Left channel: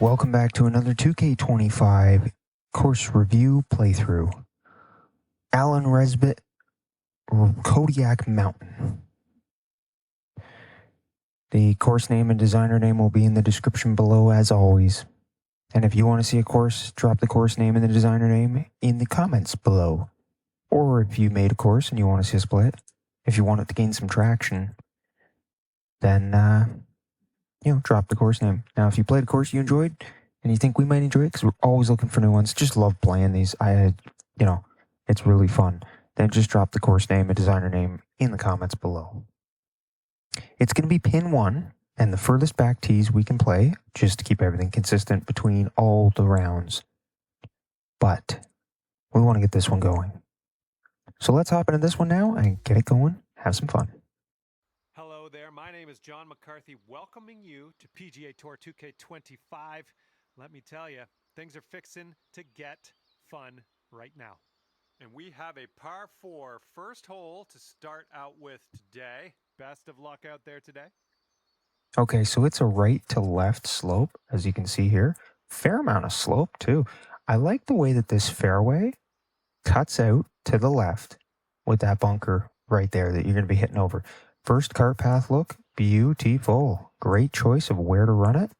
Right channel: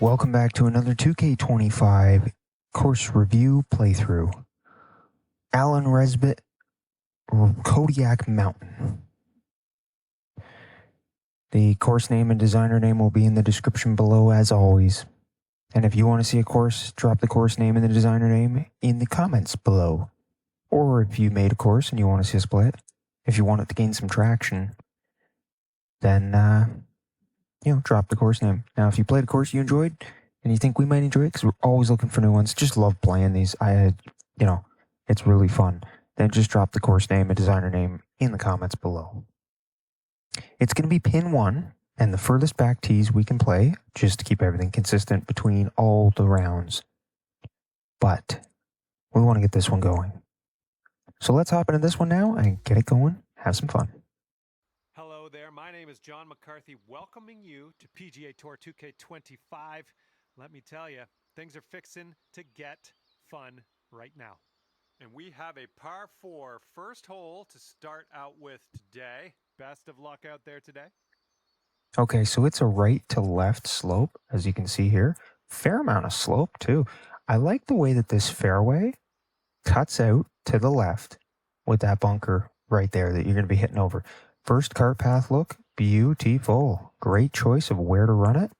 Welcome back to another 2K25 course review playthrough. Alan Rezbilt, Kodiak Mountain. The course name and designer name will be in the description below as always. And if you want to see a course, drop the course name and the designer name in the comments below. Or if you made a course and you want to see us play it, if you want it to gain some traction, then, drop the course name. Now, if you played a course you enjoyed, and you think we might enjoy it, because we're always looking for new ones, just love playing these. It's really fun. Then just drop the course name and designer name in the comments below. It's going to be pin 1, and the furthest back tees we can play, just to keep everything consistent between all the rounds. But we want to get this one going. So let's hop into this one now and get it going. Have some fun. Hello there, my name is John McCarthy, welcoming you to PGA Tour 2K25. Let me tell you, things are fixing to get fun right now. And we have a par 4 first hole to start out with today. Best of luck out there today. Okay, so it's a right to left slope, as you can see here. Fair amount of slope, too. I like the way that this fairway cuts out to the left with that bunker right there that you're going to be hitting over. First cart path look, beautiful. Great choice of where to run it.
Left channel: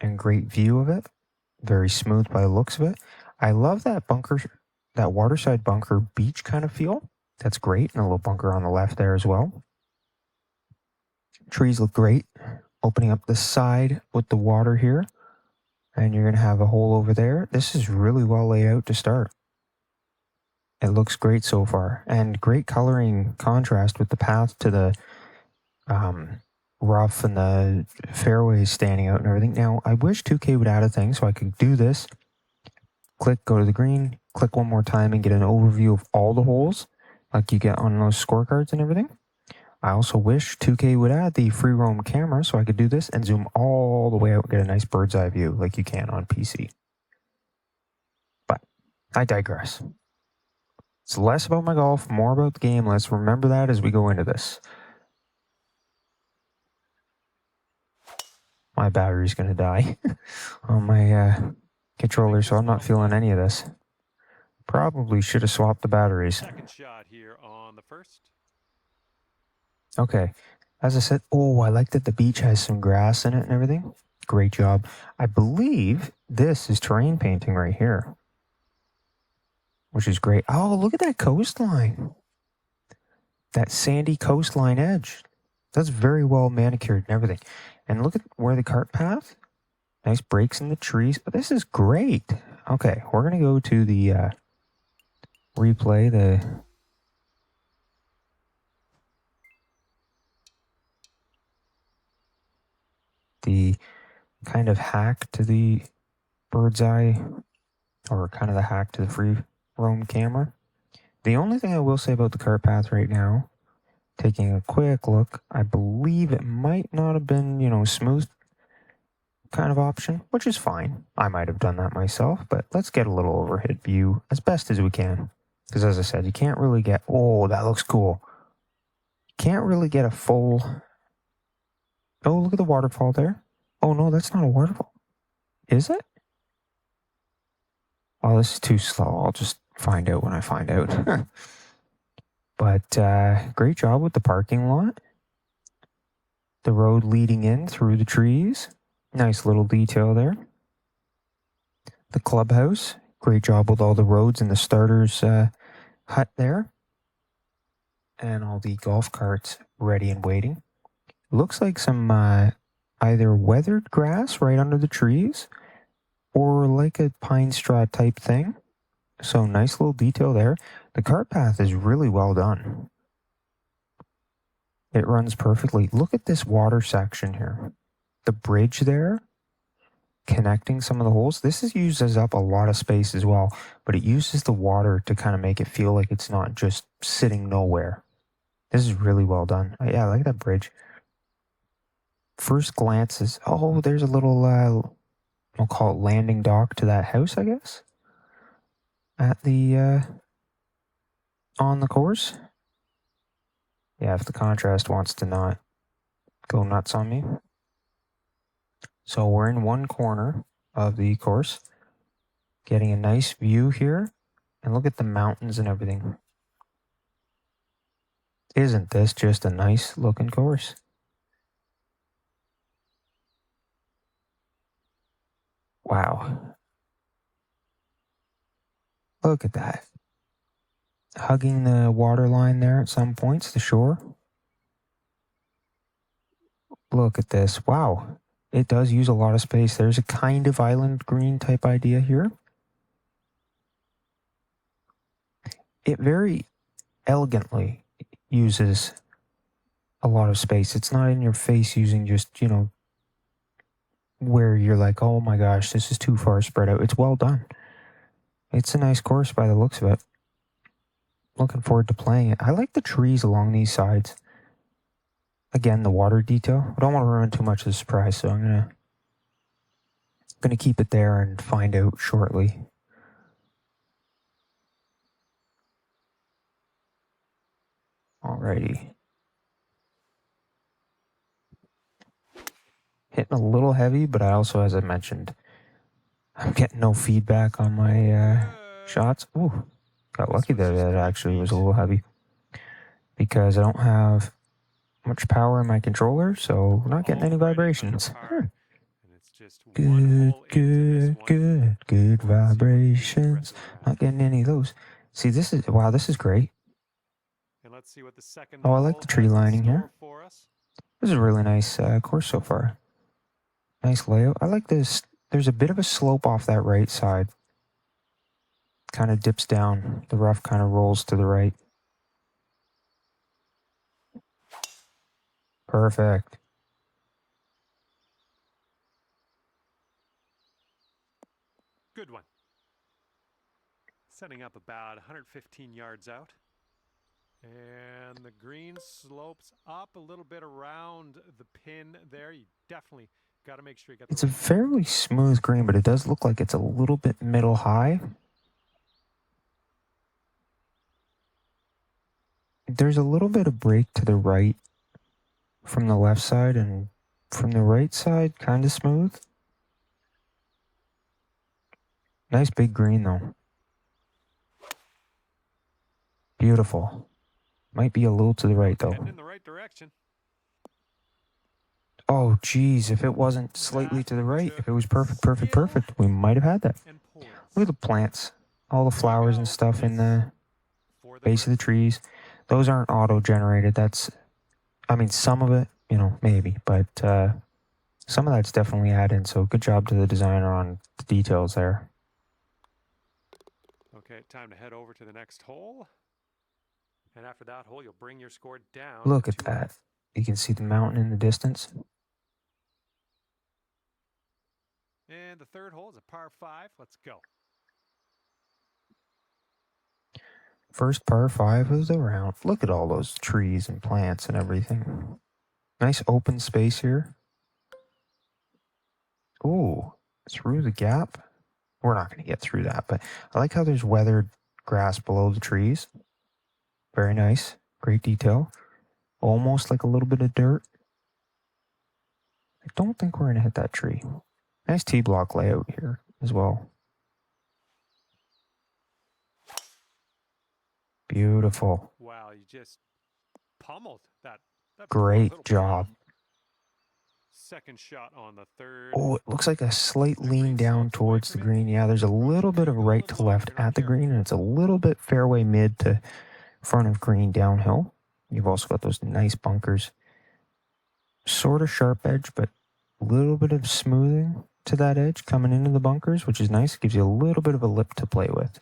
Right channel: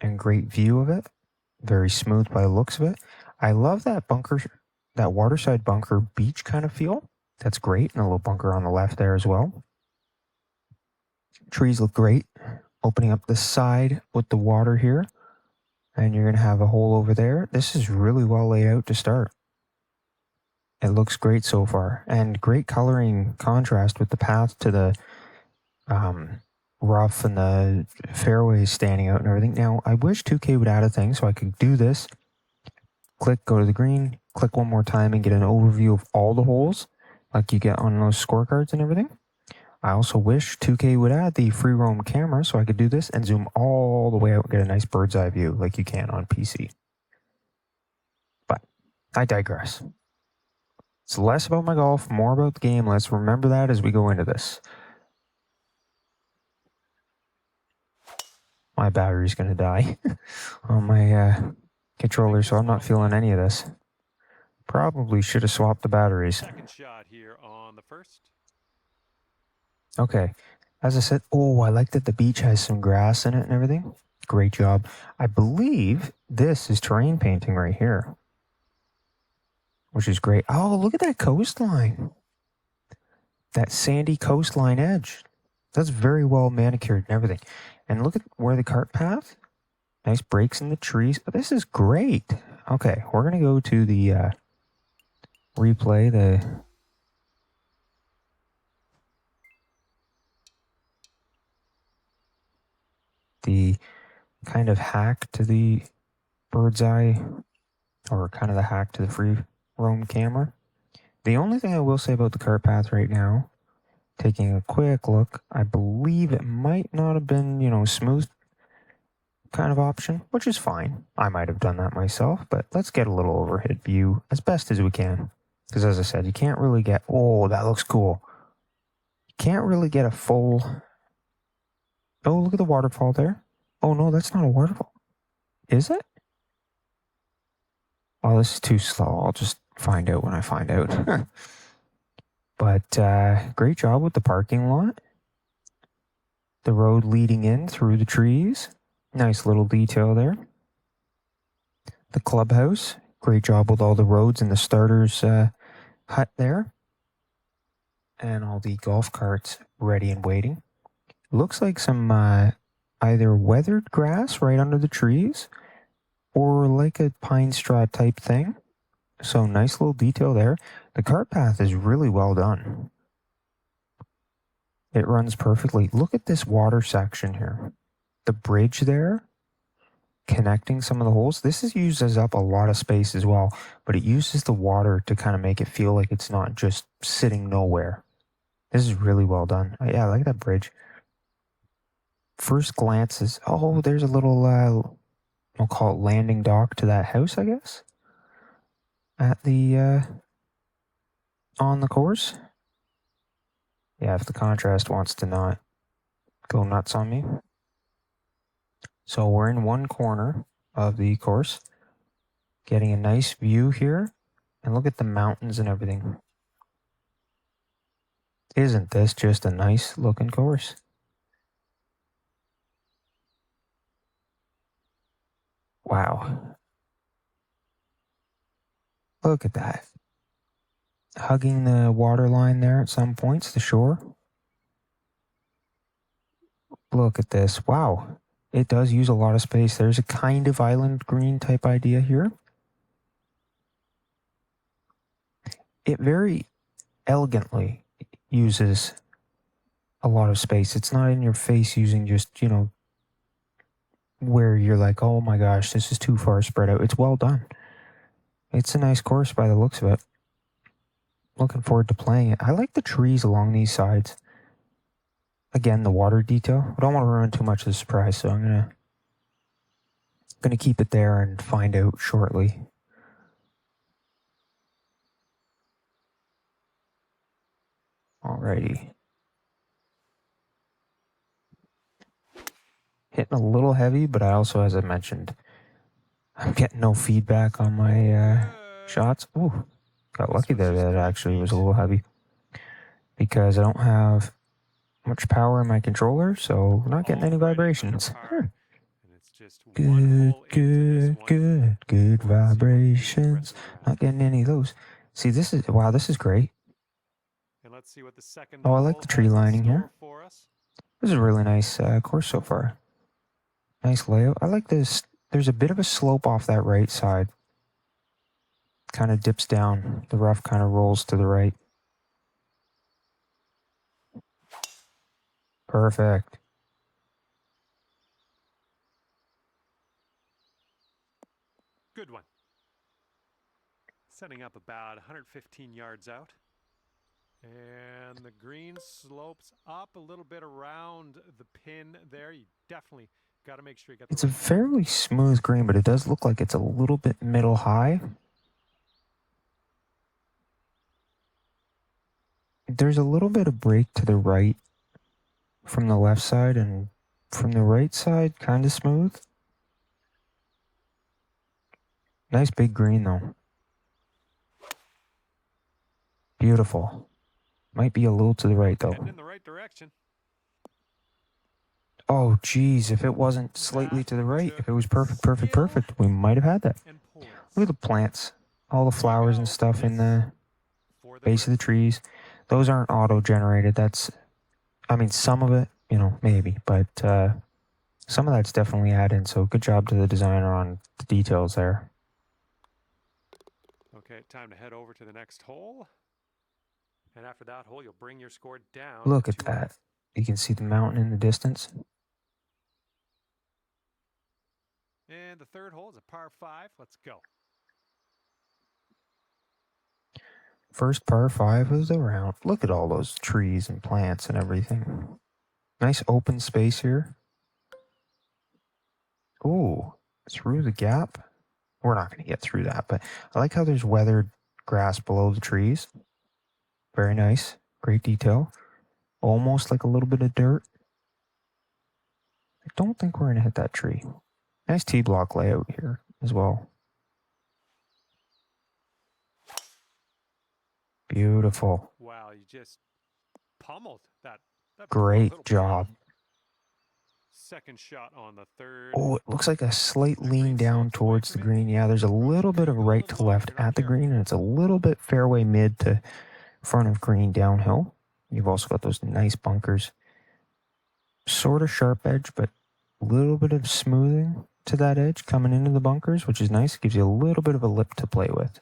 And great view of it. Very smooth by the looks of it. I love that bunker, that waterside bunker beach kind of feel. That's great. And a little bunker on the left there as well. Trees look great. Opening up the side with the water here. And you're going to have a hole over there. This is really well laid out to start. It looks great so far. And great coloring contrast with the path to the rough and the fairways standing out and everything. Now, I wish 2K would add a thing so I could do this. Click, go to the green, click one more time and get an overview of all the holes like you get on those scorecards and everything. I also wish 2K would add the free roam camera so I could do this and zoom all the way out and get a nice bird's eye view like you can on PC. But I digress. It's less about my golf, more about the game. Let's remember that as we go into this. My battery's going to die on my controller, so I'm not feeling any of this. Probably should have swapped the batteries. Second shot here on the first. Okay, as I said, I like that the beach has some grass in it and everything. Great job. I believe this is terrain painting right here, which is great. Oh, look at that coastline. That sandy coastline edge. That's very well manicured and everything. And look at where the cart path. Nice breaks in the trees. This is great. Okay, we're going to go to the replay, the kind of hack to the bird's eye, or kind of the hack to the free roam camera. The only thing I will say about the cart path right now, taking a quick look, I believe it might not have been, smooth kind of option, which is fine. I might have done that myself, but let's get a little overhead view as best as we can. Because as I said, you can't really get, that looks cool. You can't really get a full, look at the waterfall there. Oh no, that's not a waterfall. Is it? Oh, this is too slow. I'll just find out when I find out. But great job with the parking lot. The road leading in through the trees. Nice little detail there. The clubhouse. Great job with all the roads and the starter's hut there. And all the golf carts ready and waiting. Looks like some either weathered grass right under the trees or like a pine straw type thing. So nice little detail there. The cart path is really well done. It runs perfectly. Look at this water section here. The bridge there, connecting some of the holes. This uses up a lot of space as well, but it uses the water to kind of make it feel like it's not just sitting nowhere. This is really well done. Yeah, I like that bridge. First glance is, there's a little, we'll call it landing dock to that house, I guess. At the, on the course. Yeah, if the contrast wants to not go nuts on me. So we're in one corner of the course, getting a nice view here, and look at the mountains and everything. Isn't this just a nice looking course? Wow. Look at that. Hugging the water line there at some points, the shore. Look at this. Wow. It does use a lot of space. There's a kind of island green type idea here. It very elegantly uses a lot of space. It's not in your face using just, where you're like, oh my gosh, this is too far spread out. It's well done. It's a nice course by the looks of it. Looking forward to playing it. I like the trees along these sides. Again, the water detail. I don't want to ruin too much of the surprise, so I'm gonna keep it there and find out shortly. Alrighty. Hitting a little heavy, but I also, as I mentioned, I'm getting no feedback on my shots. Ooh, got lucky that it actually was a little heavy because I don't have much power in my controller, so we're not getting any vibrations. Good vibrations. Not getting any of those. See, this is great. And let's see what the second I like the tree lining here. This is a really nice course so far. Nice layout. I like this. There's a bit of a slope off that right side. Kind of dips down. The rough kind of rolls to the right. Perfect. Good one. Setting up about 115 yards out. And the green slopes up a little bit around the pin there. You definitely got to make sure you get the It's a fairly smooth green, but it does look like it's a little bit middle high. There's a little bit of break to the right from the left side, and from the right side, kind of smooth. Nice big green, though. Beautiful. Might be a little to the right, though. Heading in the right direction. Oh, geez, if it wasn't slightly to the right, if it was perfect, we might have had that. Look at the plants, all the flowers and stuff in the base of the trees. Those aren't auto-generated. That's, some of it, maybe, but some of that's definitely added, so good job to the designer on the details there. Okay, time to head over to the next hole. And after that hole, you'll bring your score down. Look at that. You can see the mountain in the distance. And the third hole is a par 5. Let's go. First par 5 of the round. Look at all those trees and plants and everything. Nice open space here. Ooh, through the gap. We're not going to get through that, but I like how there's weathered grass below the trees. Very nice. Great detail. Almost like a little bit of dirt. I don't think we're going to hit that tree. Nice T-block layout here as well. Beautiful. Wow, you just pummeled that Great job. Second shot on the third. Oh, it looks like a slight lean down towards the green. Yeah, there's a little bit of right to left at the green, and it's a little bit fairway mid to front of green downhill. You've also got those nice bunkers. Sort of sharp edge, but a little bit of smoothing to that edge coming into the bunkers, which is nice. It gives you a little bit of a lip to play with.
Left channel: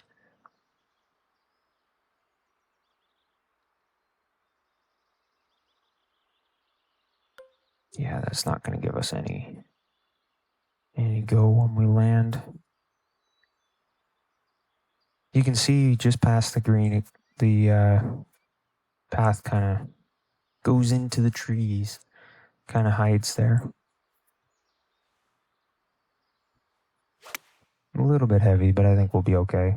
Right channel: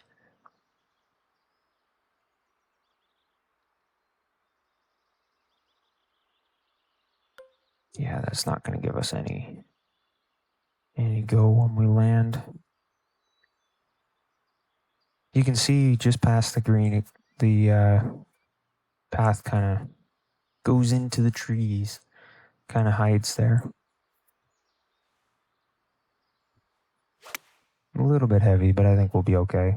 Yeah, that's not going to give us any go when we land. You can see just past the green, the path kind of goes into the trees, kind of hides there. A little bit heavy, but I think we'll be okay.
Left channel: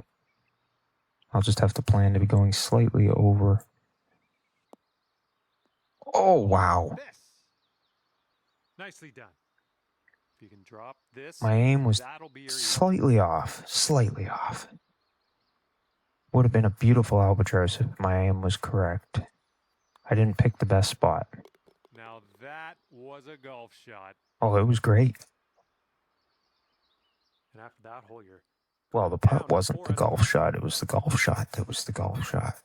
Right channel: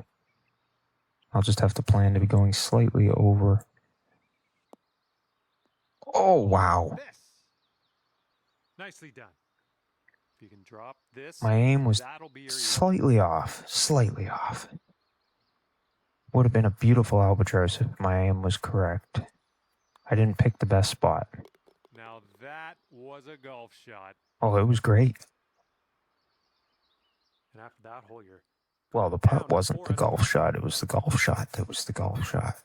I'll just have to plan to be going slightly over. Oh, wow. Nicely done. If you can drop this, My aim was that'll be your slightly off. Would have been a beautiful albatross if my aim was correct. I didn't pick the best spot. Now that was a golf shot. Oh, it was great. And after that hole, you're Well, the putt down wasn't the 4 golf shot. It was the golf shot that was the golf shot.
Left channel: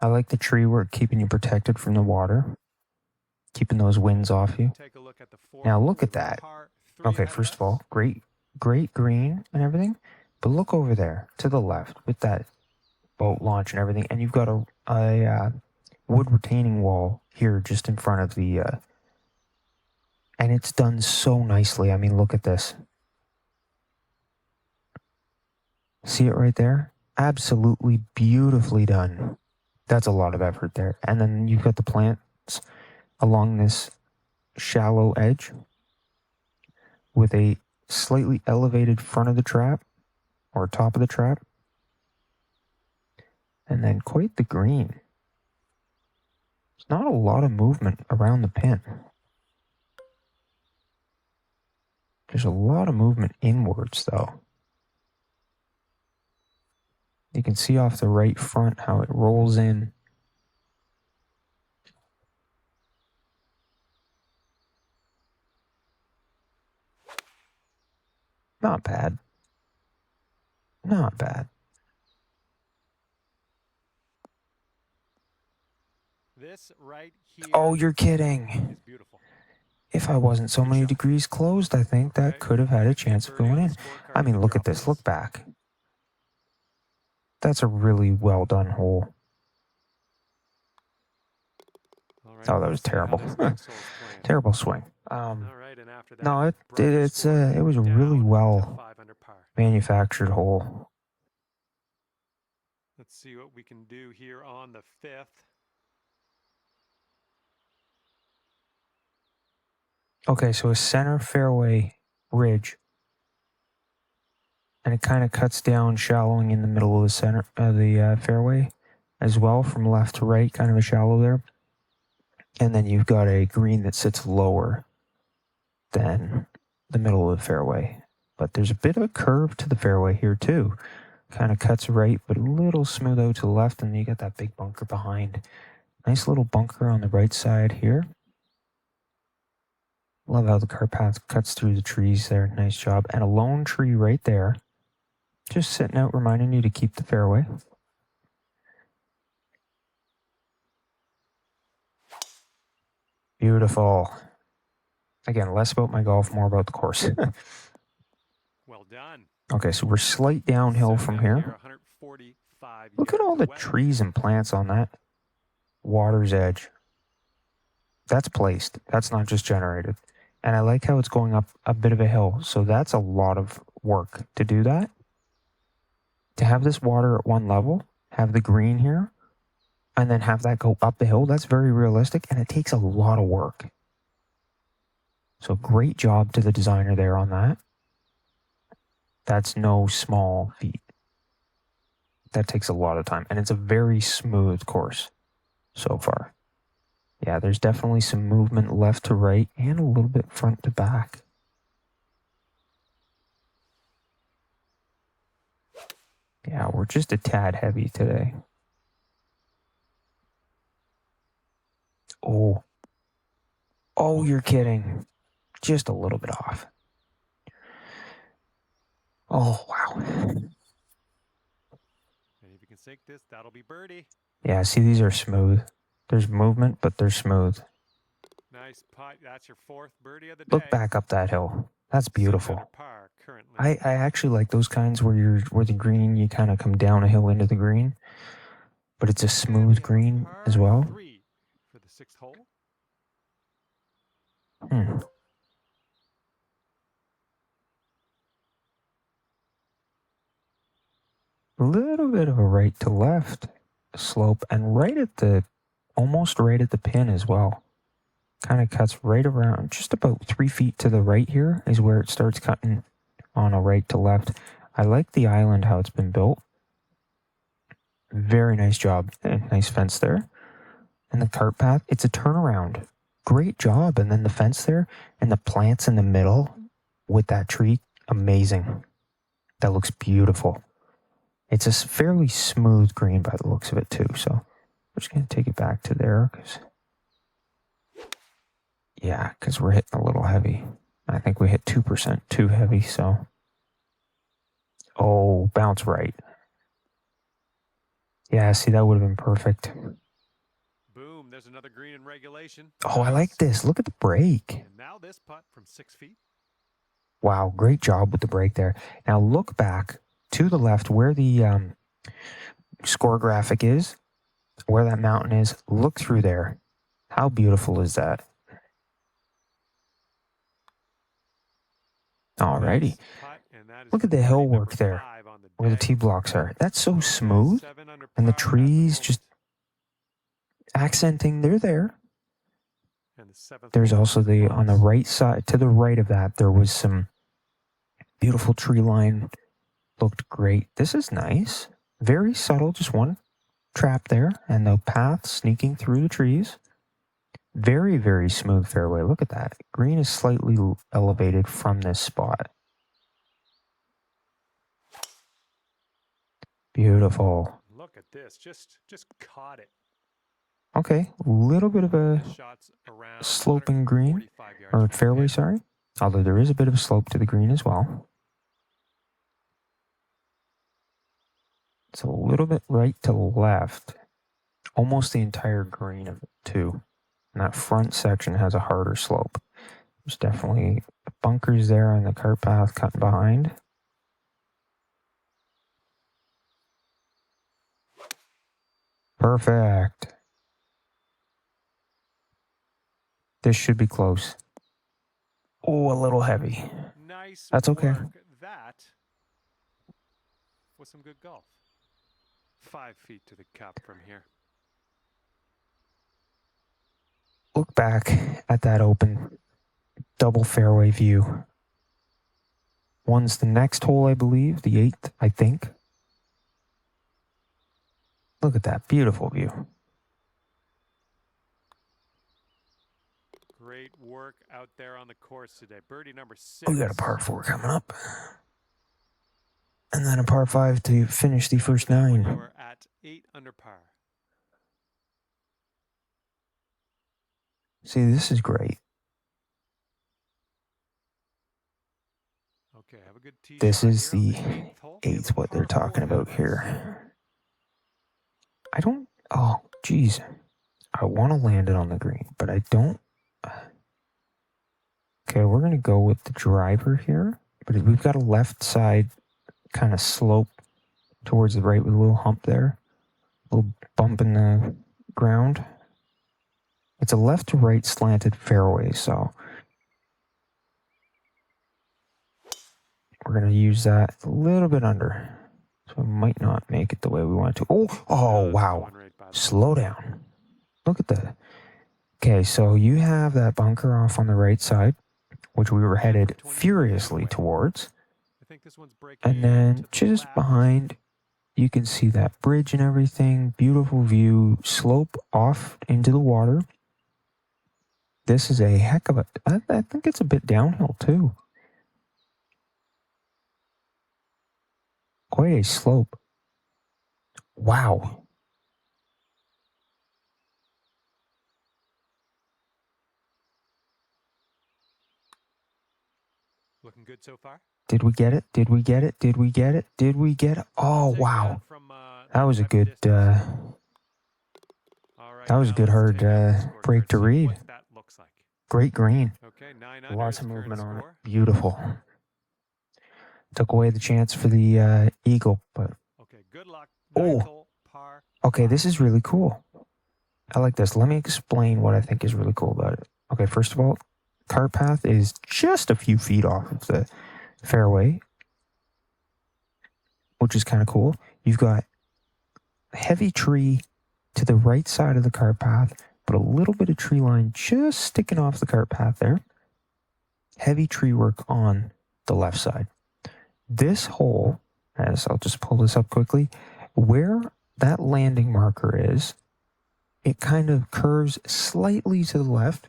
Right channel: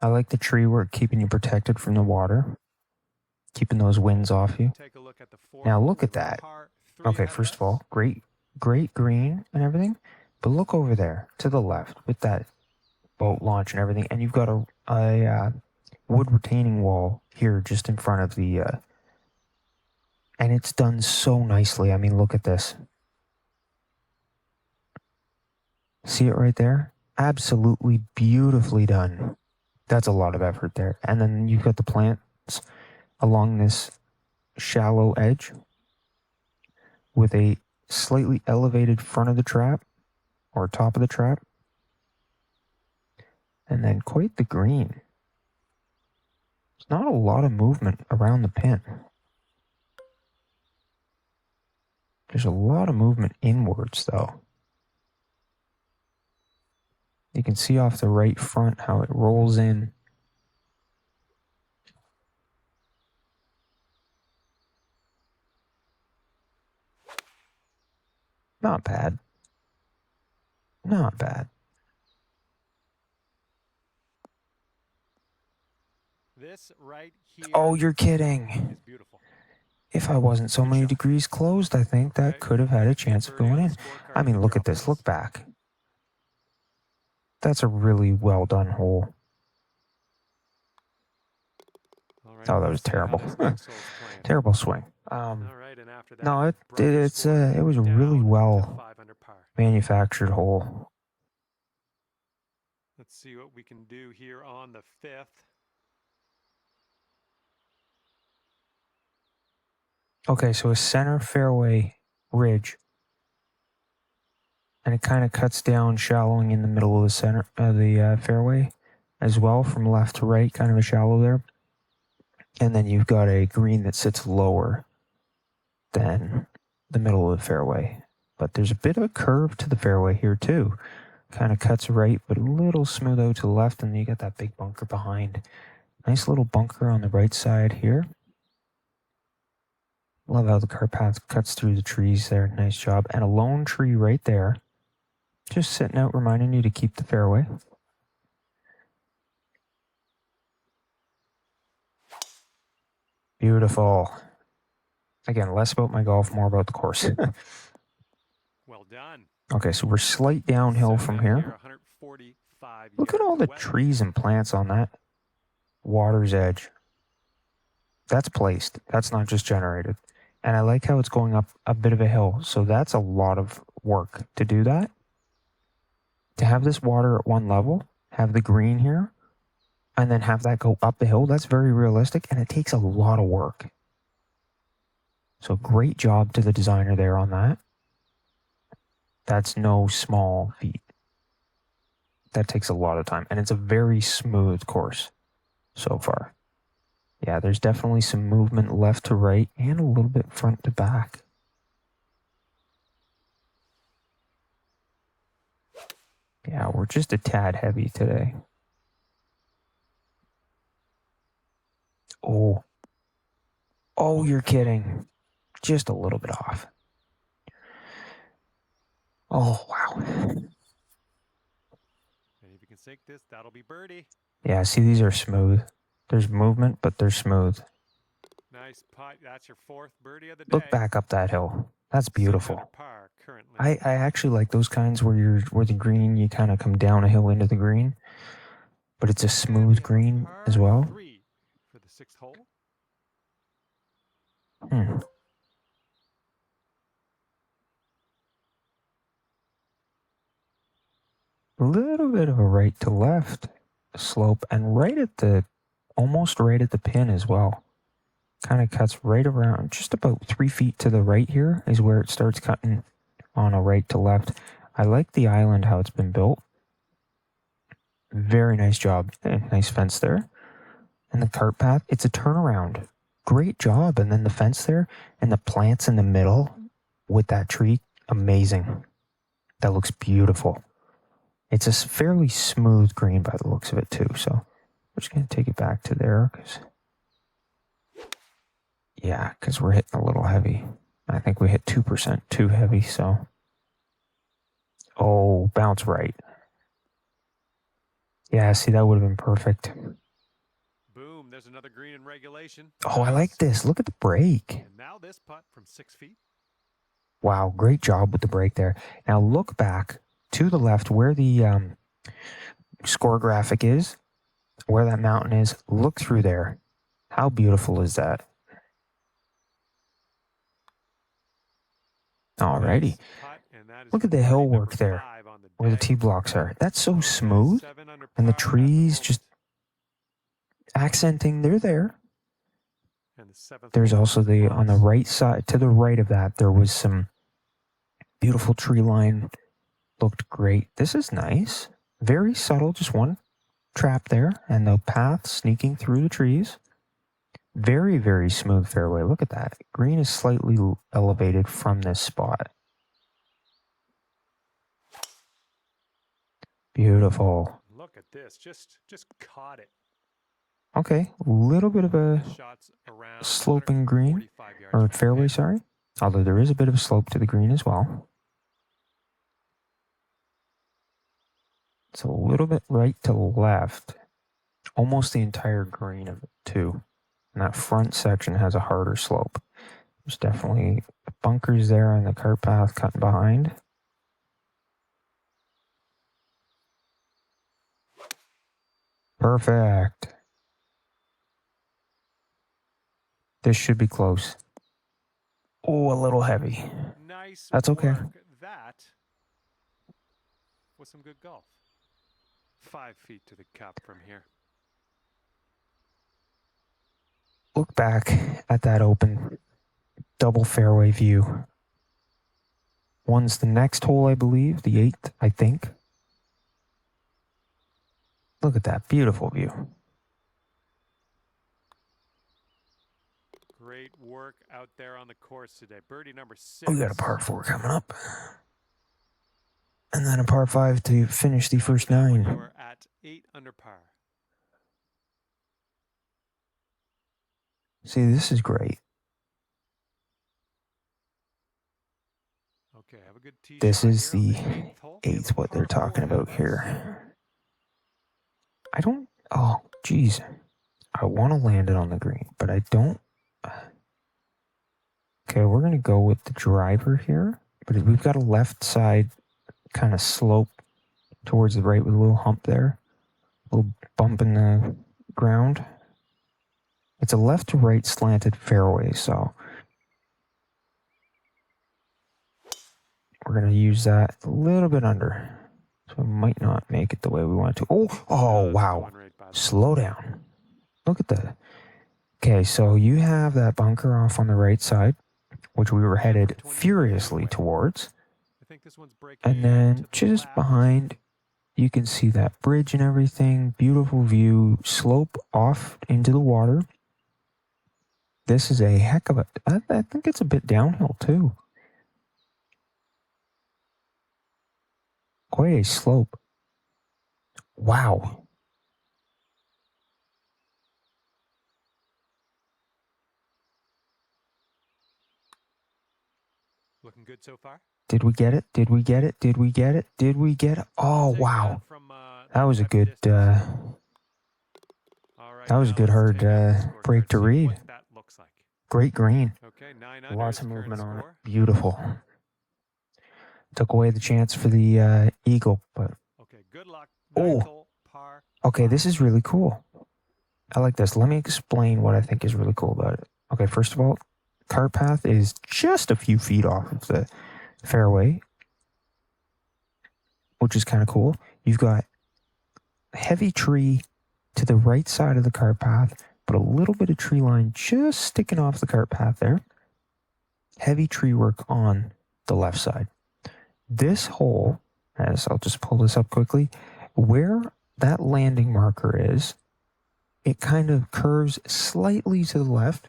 I like the tree work keeping you protected from the water, keeping those winds off you. Take a look at the Now look at that. Okay, first of all, great green and everything. But look over there to the left with that boat launch and everything. And you've got a wood retaining wall here just in front of the... and it's done so nicely. I mean, look at this. See it right there? Absolutely beautifully done. That's a lot of effort there. And then you've got the plants along this shallow edge with a slightly elevated front of the trap or top of the trap. And then quite the green. There's not a lot of movement around the pin. There's a lot of movement inwards though. You can see off the right front how it rolls in. Not bad. Not bad. This right here. Oh, you're kidding. Is beautiful. If I wasn't so many degrees closed, I think that could have had a chance of going in. I mean, look at this. Look back. That's a really well done hole. Oh, that was terrible. Terrible swing. No, it was a really well manufactured hole. Let's see what we can do here on the 5th. Okay, so a center fairway ridge. And it kind of cuts down, shallowing in the middle of the center of the fairway as well, from left to right, kind of a shallow there. And then you've got a green that sits lower than the middle of the fairway. But there's a bit of a curve to the fairway here too. Kind of cuts right, but a little smooth out to the left, and you got that big bunker behind. Nice little bunker on the right side here. Love how the cart path cuts through the trees there. Nice job. And a lone tree right there. Just sitting out, reminding you to keep the fairway. Beautiful. Again, less about my golf, more about the course. Well done. Okay, so we're slight downhill from here. Look at all the trees and plants on that water's edge. That's placed. That's not just generated. And I like how it's going up a bit of a hill. So that's a lot of work to do that. To have this water at one level, have the green here, and then have that go up the hill, that's very realistic, and it takes a lot of work. So great job to the designer there on that. That's no small feat. That takes a lot of time, and it's a very smooth course so far. Yeah, there's definitely some movement left to right and a little bit front to back. Yeah, we're just a tad heavy today. Oh. Oh, you're kidding. Just a little bit off. Oh, wow. And if you can sink this, that'll be birdie. Yeah, see, these are smooth. There's movement, but they're smooth. Nice putt. That's your 4th birdie of the day. Look back up that hill. That's beautiful. I actually like those kinds where the green, you kind of come down a hill into the green, but it's a smooth green as well. 3 for the 6th hole. A little bit of a right to left slope, and almost right at the pin as well. Kind of cuts right around, just about 3 feet to the right here is where it starts cutting on a right to left. I like the island, how it's been built. Very nice job. Nice fence there. And the cart path, it's a turnaround. great job. And then the fence there and the plants in the middle with that tree, amazing. That looks beautiful. It's a fairly smooth green by the looks of it too. So I'm just going to take it back to there because we're hitting a little heavy. I think we hit 2% too heavy. So, oh, bounce right. Yeah, see, that would have been perfect. Boom, there's another green in regulation. Oh, I like this. Look at the break. And now this putt from 6 feet. Wow, great job with the break there. Now look back to the left where the score graphic is, where that mountain is. Look through there. How beautiful is that? Alrighty. Look at the hill work there, where the tee blocks are. That's so smooth, and the trees just accenting. They're there. There's also on the right side, to the right of that, there was some beautiful tree line. Looked great. This is nice. Very subtle, just one trap there, and the path sneaking through the trees. Very, very smooth fairway. Look at that. Green is slightly elevated from this spot. Beautiful. Look at this. Just caught it. Okay, a little bit of a sloping green, or fairway, sorry. Although there is a bit of a slope to the green as well. It's a little bit right to left. Almost the entire green of it, too. And that front section has a harder slope. There's definitely bunkers there on the cart path cutting behind. Perfect. This should be close. Oh, a little heavy. Nice. That's okay. That was some good golf. 5 feet to the cup from here. Look back at that open double fairway view. One's the next hole, I believe, the 8th, I think. Look at that beautiful view. Great work out there on the course today. Birdie number 6. We got a par 4 coming up. And then a par 5 to finish the first 9. You're at 8 under par. See, this is great. Okay, have a good tee This shot is here on the the 8th hole. 8th, what they're talking about here. Oh, geez. I want to land it on the green, but I don't. Okay, we're going to go with the driver here, but we've got a left side kind of slope towards the right with a little hump there, a little bump in the ground. It's a left to right slanted fairway, so we're going to use that a little bit under. So we might not make it the way we want to. Oh, wow. Slow down. Look at that. Okay, so you have that bunker off on the right side, which we were headed furiously towards. And then just behind, you can see that bridge and everything. Beautiful view, slope off into the water. This is a heck of a... I think it's a bit downhill, too. Quite a slope. Wow. Looking good so far? Did we get it? Did we get it? Did we get it? Did we get it? Oh, wow. That was a good... that was a good hard break to read. Great green. Lots of movement on it. Beautiful. Took away the chance for the eagle, but... Okay, good luck. Oh, okay, this is really cool. I like this. Let me explain what I think is really cool about it. Okay, first of all, cart path is just a few feet off of the fairway, which is kind of cool. You've got a heavy tree to the right side of the cart path, but a little bit of tree line just sticking off the cart path there. Heavy tree work on the left side. This hole, as I'll just pull this up quickly, where that landing marker is, it kind of curves slightly to the left,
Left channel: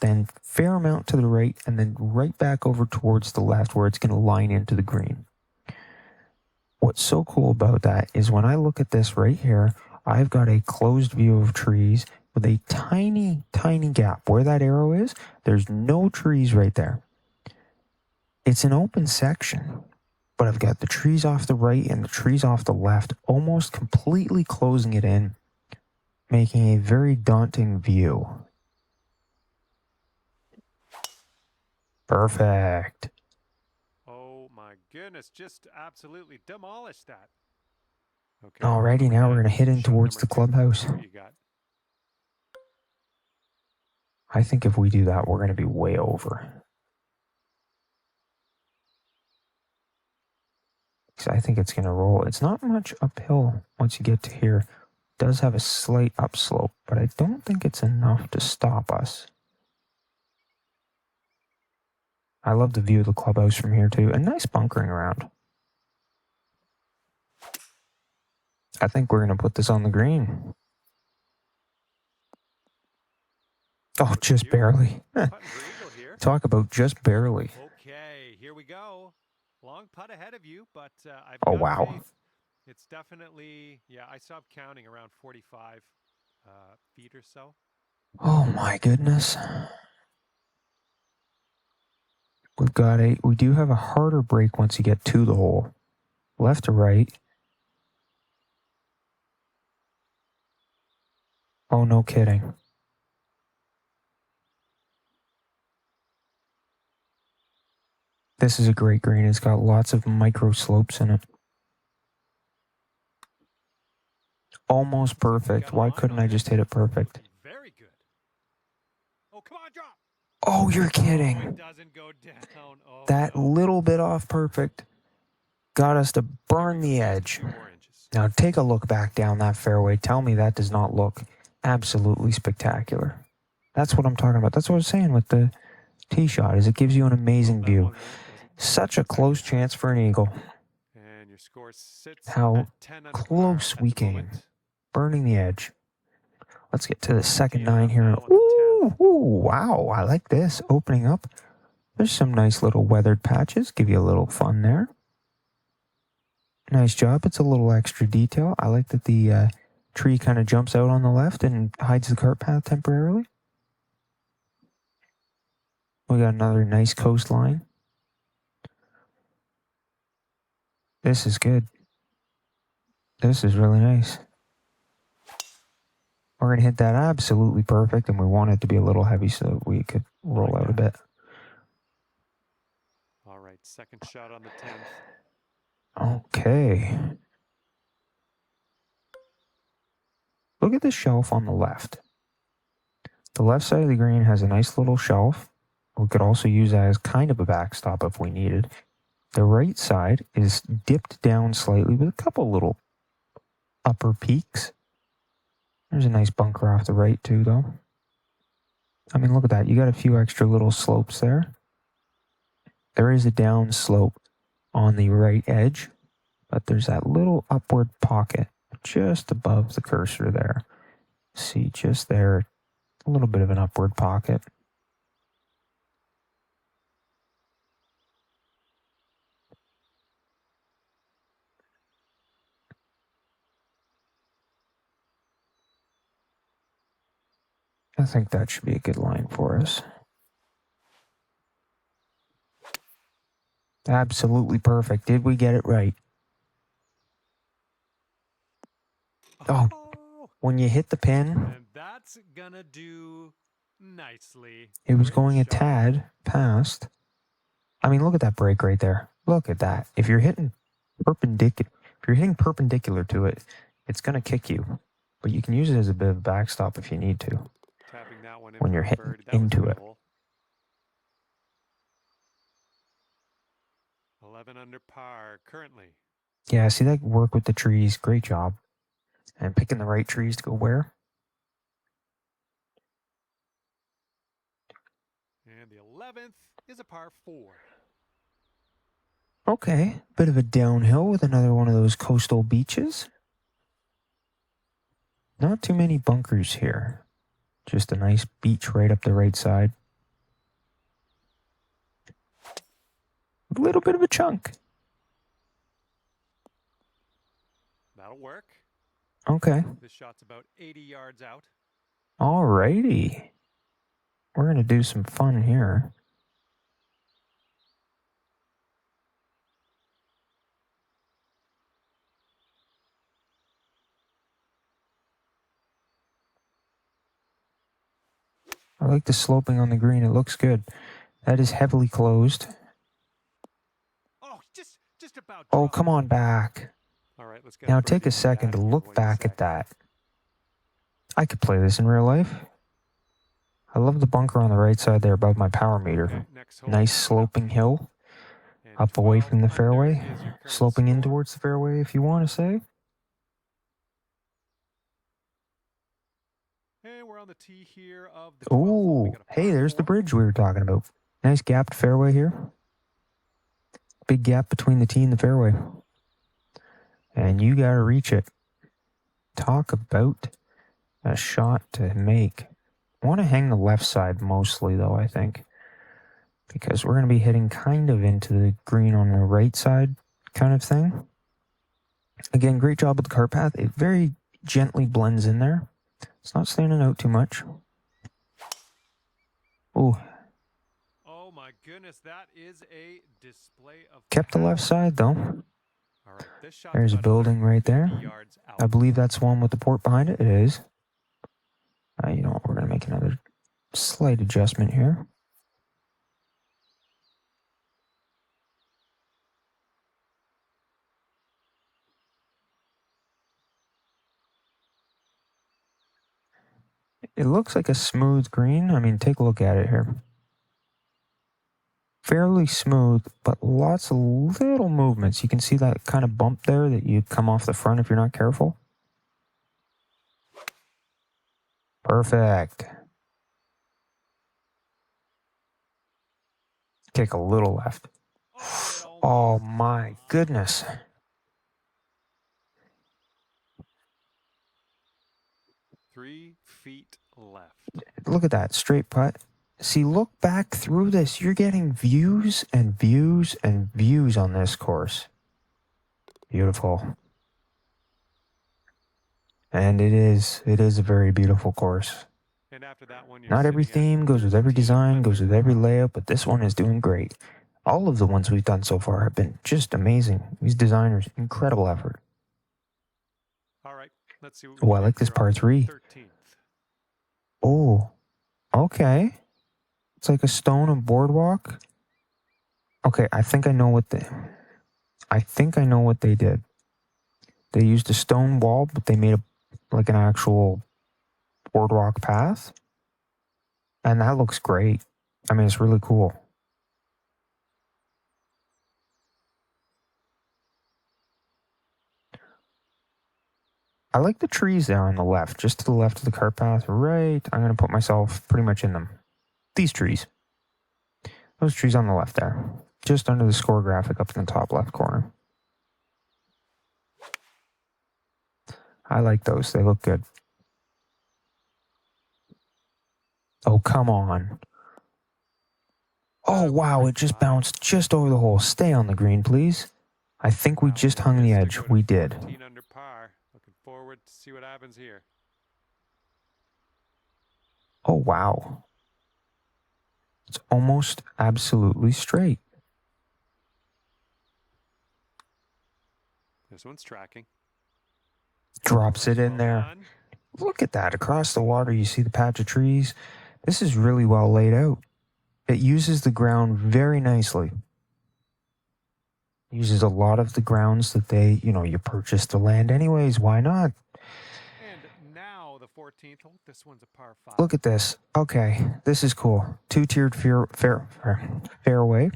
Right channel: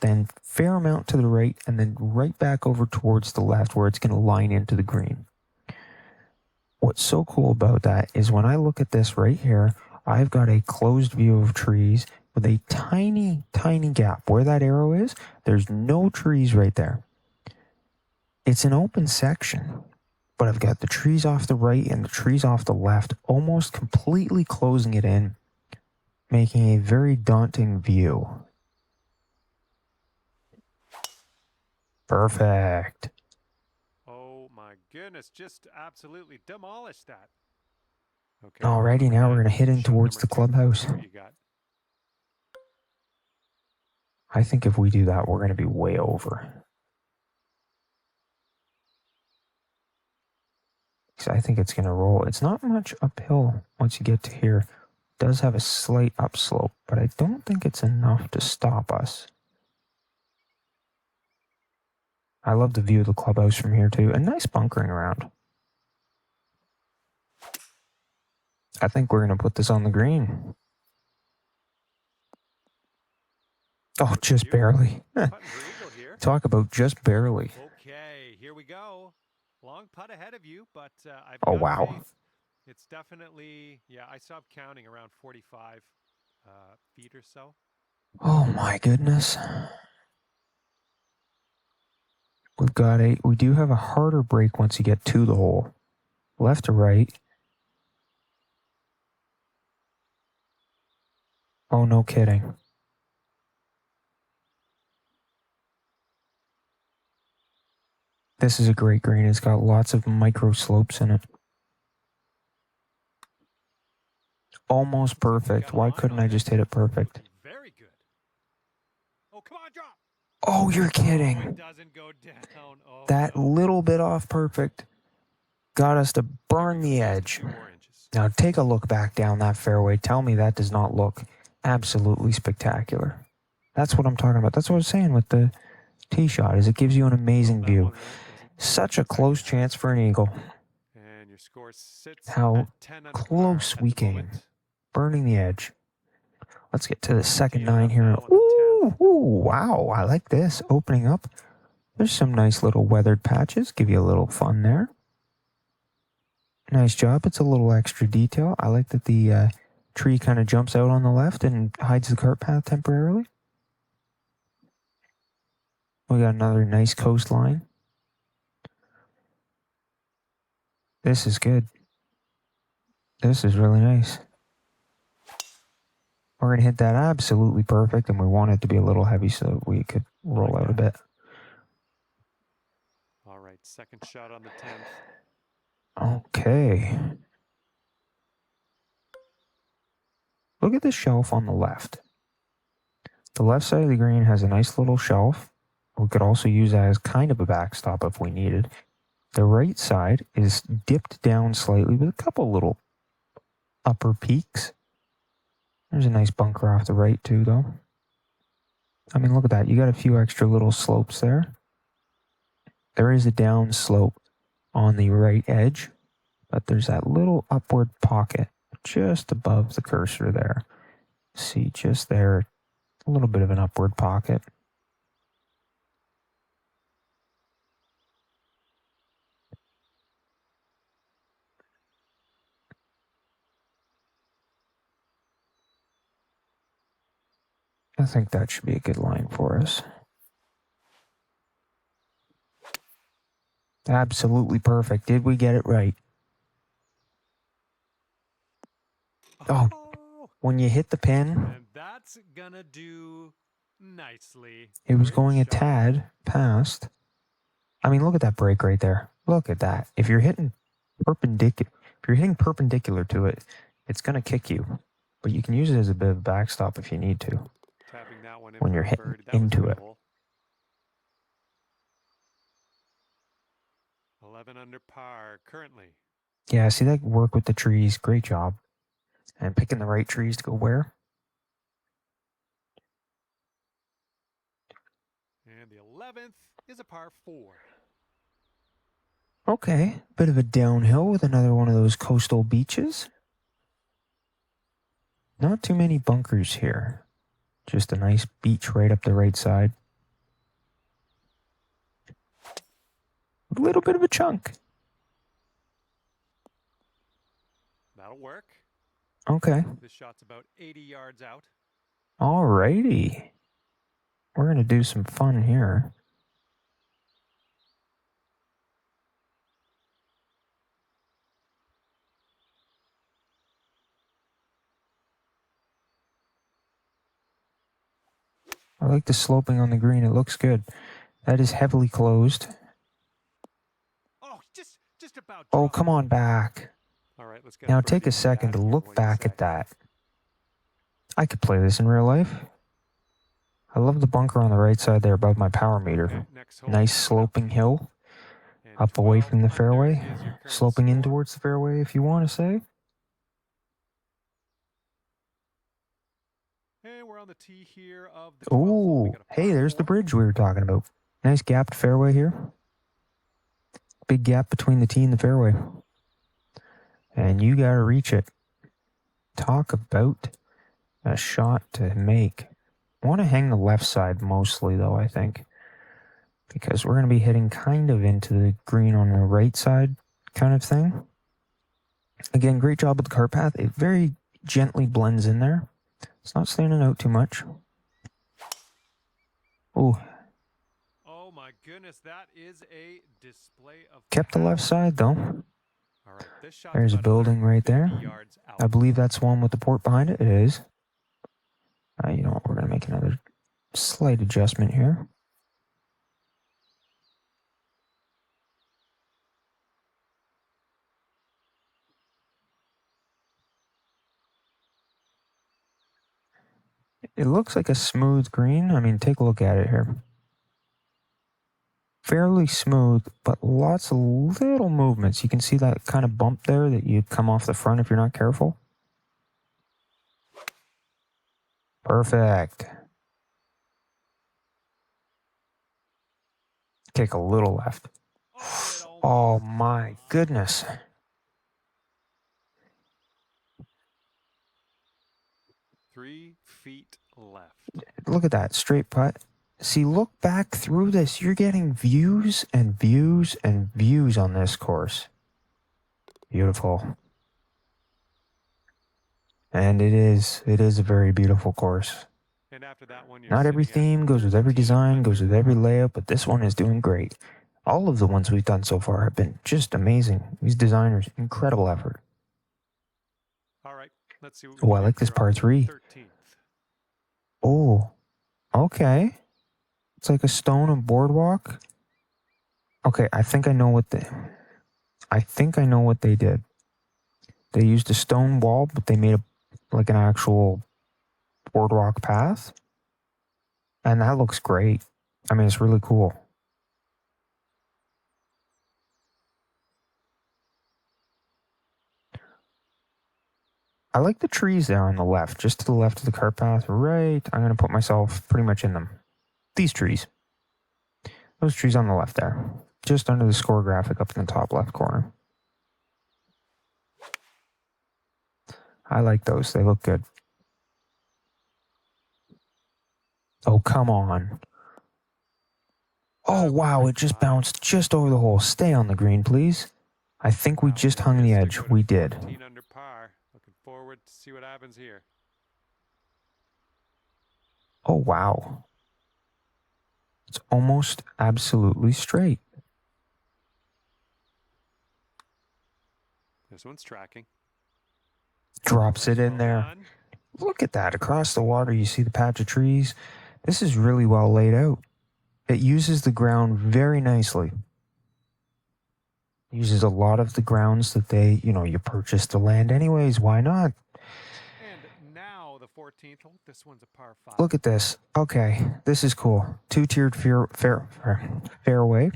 then fair amount to the right, and then right back over towards the left where it's going to line into the green. What's so cool about that is when I look at this right here, I've got a closed view of trees with a tiny, tiny gap. Where that arrow is, there's no trees right there. It's an open section, but I've got the trees off the right and the trees off the left, almost completely closing it in, making a very daunting view. Perfect. Oh my goodness, just absolutely demolished that. Okay. Alrighty, now we're going to head in Shot towards number the 2. clubhouse. See what you got. I think if we do that, we're going to be way over. I think it's going to roll. It's not much uphill once you get to here. It does have a slight upslope, but I don't think it's enough to stop us. I love the view of the clubhouse from here too. A nice bunkering around. I think we're going to put this on the green. Oh, just barely. Putting for eagle here. Talk about just barely. Okay, here we go. Long putt ahead of you, but I've Oh, got wow. faith. It's definitely, yeah, I stopped counting around 45 feet or so. Oh my goodness. We do have a harder break once you get to the hole. Left to right. Oh, no kidding. This is a great green. It's got lots of micro slopes in it. Almost perfect. Why couldn't I just hit it perfect? Very good. Oh, come on, drop. Oh, you're Oh, kidding. it doesn't go down. Oh, That no. little bit off perfect got us to burn the edge. 2 more inches. Now take a look back down that fairway. Tell me that does not look absolutely spectacular. That's what I'm talking about. That's what I was saying with the tee shot, is it gives you an amazing view. Such a close chance for an eagle. And your score sits How at 10 under close par we at the came. moment. Burning the edge. Let's get to the second Teeing it 9 up here. now on the Ooh, 10th. ooh, wow. I like this. Opening up. There's some nice little weathered patches. Give you a little fun there. Nice job. It's a little extra detail. I like that the tree kind of jumps out on the left and hides the cart path temporarily. We got another nice coastline. This is good. This is really nice. We're going to hit that absolutely perfect, and we want it to be a little heavy so that we could roll out a bit. All right, second shot on the 10th. Okay. Look at the shelf on the left. The left side of the green has a nice little shelf. We could also use that as kind of a backstop if we needed. The right side is dipped down slightly with a couple little upper peaks. There's a nice bunker off the right too, though. I mean, look at that. You got a few extra little slopes there. There is a down slope on the right edge, but there's that little upward pocket just above the cursor there. See, just there, a little bit of an upward pocket. I think that should be a good line for us. Absolutely perfect. Did we get it right? Oh, when you hit the pin, And that's gonna do nicely. it was Great going a shot. tad past. I mean, look at that break right there. Look at that. If you're hitting perpendicular to it, it's going to kick you. But you can use it as a bit of a backstop if you need to. Tapping that one in When for you're a hitting birdie. That was into a good it. hole. 11 under par currently. Yeah, see that work with the trees. Great job. And picking the right trees to go where. And the 11th is a par 4. Okay, bit of a downhill with another one of those coastal beaches. Not too many bunkers here. Just a nice beach right up the right side. little bit of a chunk. That'll work. Okay. This shot's about 80 yards out. Alrighty. We're going to do some fun here. I like the sloping on the green. It looks good. That is heavily closed. Oh, just about. Oh, come on back. All right, let's get Now a take a birdie second out to of here. look What do you back say? at that. I could play this in real life. I love the bunker on the right side there above my power meter. Okay, next hole Nice coming up. sloping hill. And Up away 12 from the under fairway. is your current Sloping in score. towards the fairway, if you want to say. And we're on the tee here of the 12th hole. We Ooh, got a hey, par there's the 4. bridge we were talking about. Nice gapped fairway here. Big gap between the tee and the fairway. And you got to reach it. Talk about a shot to make. I want to hang the left side mostly, though, I think. Because we're going to be hitting kind of into the green on the right side kind of thing. Again, great job with the cart path. It very gently blends in there. It's not standing out too much. Ooh. Oh my goodness, that is a display of Kept the power. left side, though. All right, this shot's There's a about building right there. 150 yards out. I believe that's the one with the port behind it. It is. You know what? We're going to make another slight adjustment here. It looks like a smooth green. I mean, take a look at it here. Fairly smooth, but lots of little movements. You can see that kind of bump there that you come off the front if you're not careful. Perfect. Take a little left. Oh my goodness. Three feet left. Look at that, straight putt. See, look back through this. You're getting views and views and views on this course. Beautiful. And it is a very beautiful course. And after that one, you're Not every sitting at theme goes with every 13 design, goes with under every par. layout, but this one is doing great. All of the ones we've done so far have been just amazing. These designers, incredible effort. All right, let's see what we Oh, can I do like this here par on the 3. 13th. Oh, okay. It's like a stone and boardwalk. Okay, I think I know what they did. They used a stone wall, but they made like an actual boardwalk path. And that looks great. I mean, it's really cool. I like the trees there on the left, just to the left of the cart path. Right, I'm going to put myself pretty much in them. These trees. Those trees on the left there. Just under the score graphic up in the top left corner. I like those. They look good. Oh, come on. Oh, wow, it just bounced just over the hole. Stay on the green, please. I think we just hung the edge. We did. 14 under par. Looking forward to see what happens here. Oh, wow. It's almost absolutely straight. This one's tracking. Drops it in there. Done. Look at that. Across the water, you see the patch of trees. This is really well laid out. It uses the ground very nicely. Uses a lot of the grounds that you purchase the land anyways. Why not? And now the 14th hole. This one's a par 5. Look at this. Okay, this is cool. Two-tiered fairway.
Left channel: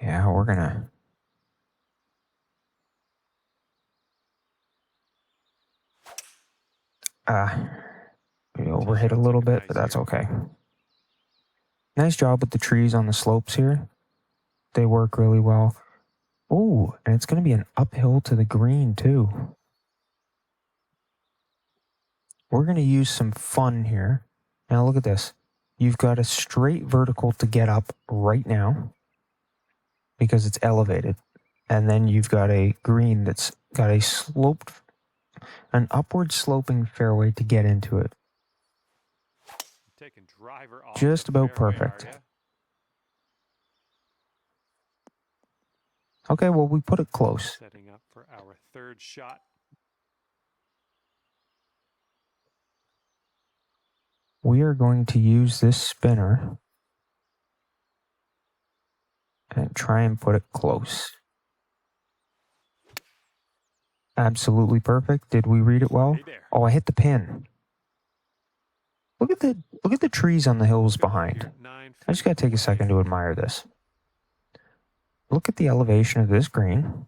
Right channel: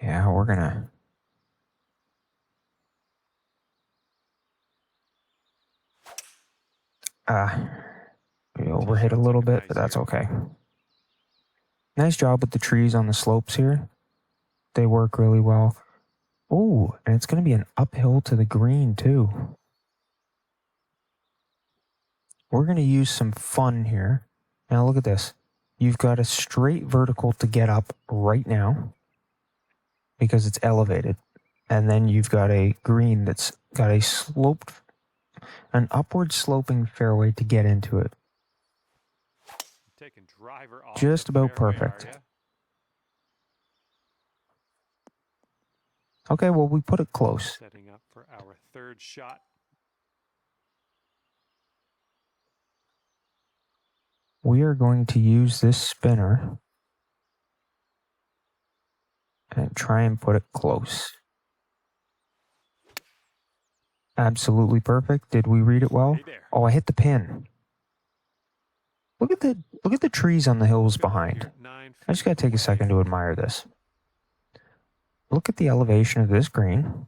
Yeah, we're gonna... we overhit a little bit, but that's okay. Nice job with the trees on the slopes here. They work really well. Oh, and it's going to be an uphill to the green, too. We're going to use some fun here. Now, look at this. you've got a straight vertical to get up right now because it's elevated. And then you've got a green that's got an upward sloping fairway to get into it. Taking driver off Just the about fairway, perfect. are ya? Okay, well, we put it close. Setting up for our third shot. We are going to use this spinner and try and put it close. Absolutely perfect. Did we read it well? Hey there. Oh, I hit the pin. Look at the trees on the hills Good luck behind. here. 9 I just gotta feet take a away. second to admire this. Look at the elevation of this green,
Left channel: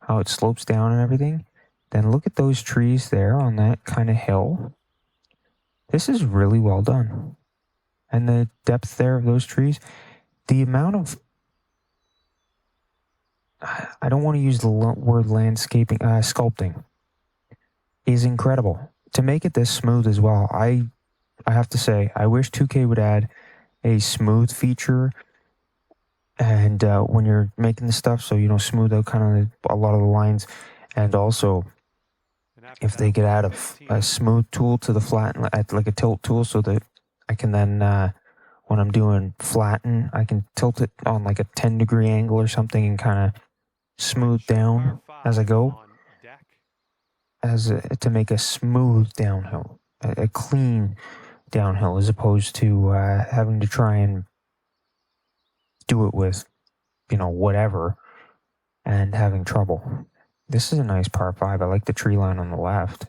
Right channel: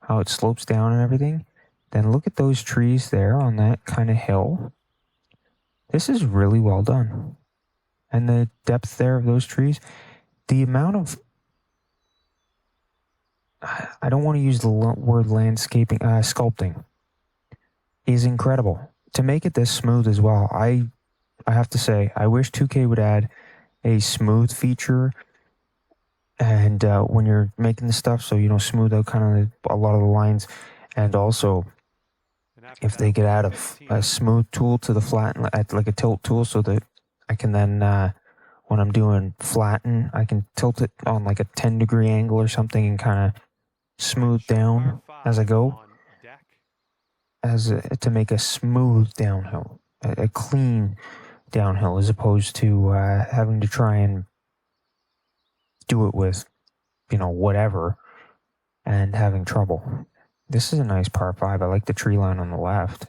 how it slopes down and everything. Then look at those trees there on that kind of hill. This is really well done. And the depth there of those trees, the amount of, I don't want to use the word landscaping, sculpting, is incredible. To make it this smooth as well, I have to say, I wish 2K would add a smooth feature, and when you're making the stuff, so you know, smooth out kind of a lot of the lines, and also And after if that, they could add a 15. smooth tool to the flatten, like a tilt tool, so that I can then when I'm doing flatten, I can tilt it on like a 10-degree angle or something and kind of smooth Short down par as I 5 go, on deck. to make a smooth downhill, a clean downhill, as opposed to having to try and do it with, you know, whatever, and having trouble. This is a nice par 5. I like the tree line on the left.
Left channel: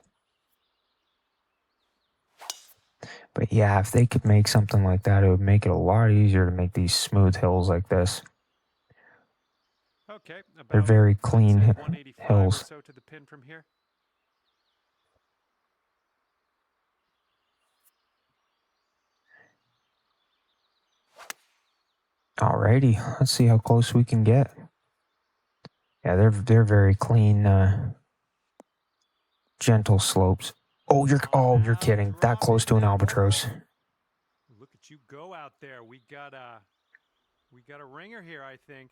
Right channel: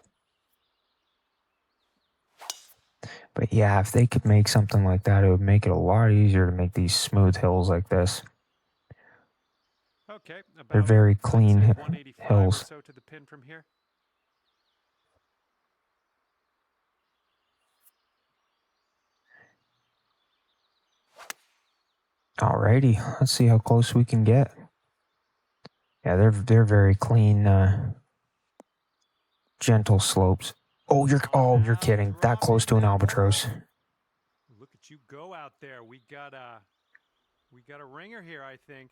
But yeah, if they could make something like that, it would make it a lot easier to make these smooth hills like this. Okay, about, They're very let's say, clean 185 hills. or so to the pin from here. Alrighty, let's see how close we can get. Yeah, they're very clean, gentle slopes. Oh, you're kidding. That close to an albatross. Look at you go out there. We got a ringer here, I think.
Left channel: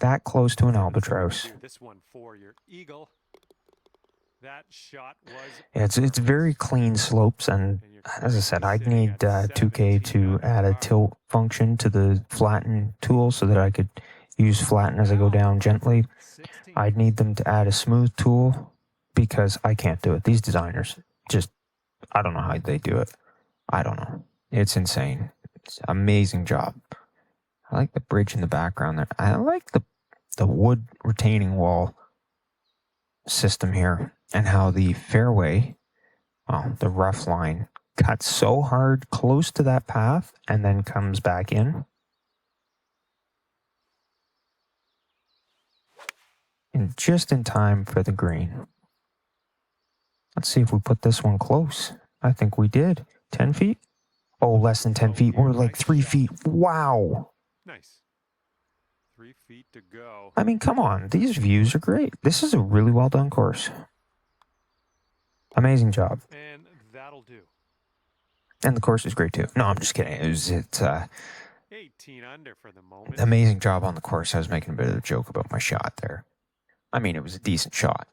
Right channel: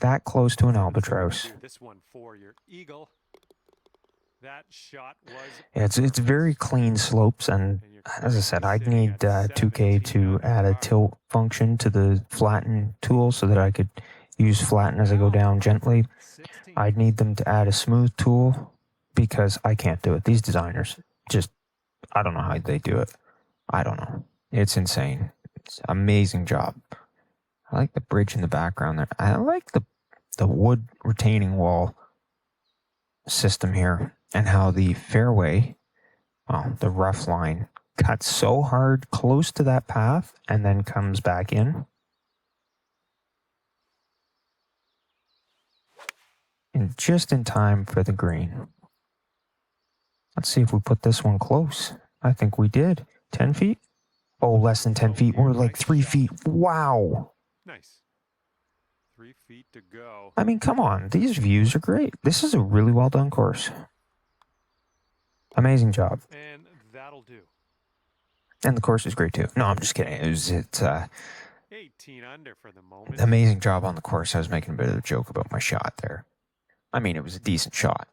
That close to an Let's see if we can albatross. do this one for your eagle. That shot was Yeah, it's very clean slopes, and And you're as I said, I'd sitting need at 2K 17 to under add a par. tilt function to the flatten tool so that I could use flatten as I go down gently. 16. I'd need them to add a smooth tool because I can't do it. These designers just, I don't know how they do it. I don't know. It's insane. It's an amazing job. I like the bridge in the background there. I like the wood retaining wall system here, and how the fairway, well, the rough line, cuts so hard close to that path and then comes back in. And just in time for the green. Let's see if we put this one close. I think we did. 10 feet? Oh, less than 10 feet. We're like 3 feet. Wow. Nice. 3 feet to go. I mean, come on. These views are great. This is a really well done course. Amazing job. And that'll do. And the course is great too. No, I'm just kidding. It's 18 under for the moment. amazing job on the course. I was making a bit of a joke about my shot there. I mean, it was a decent shot.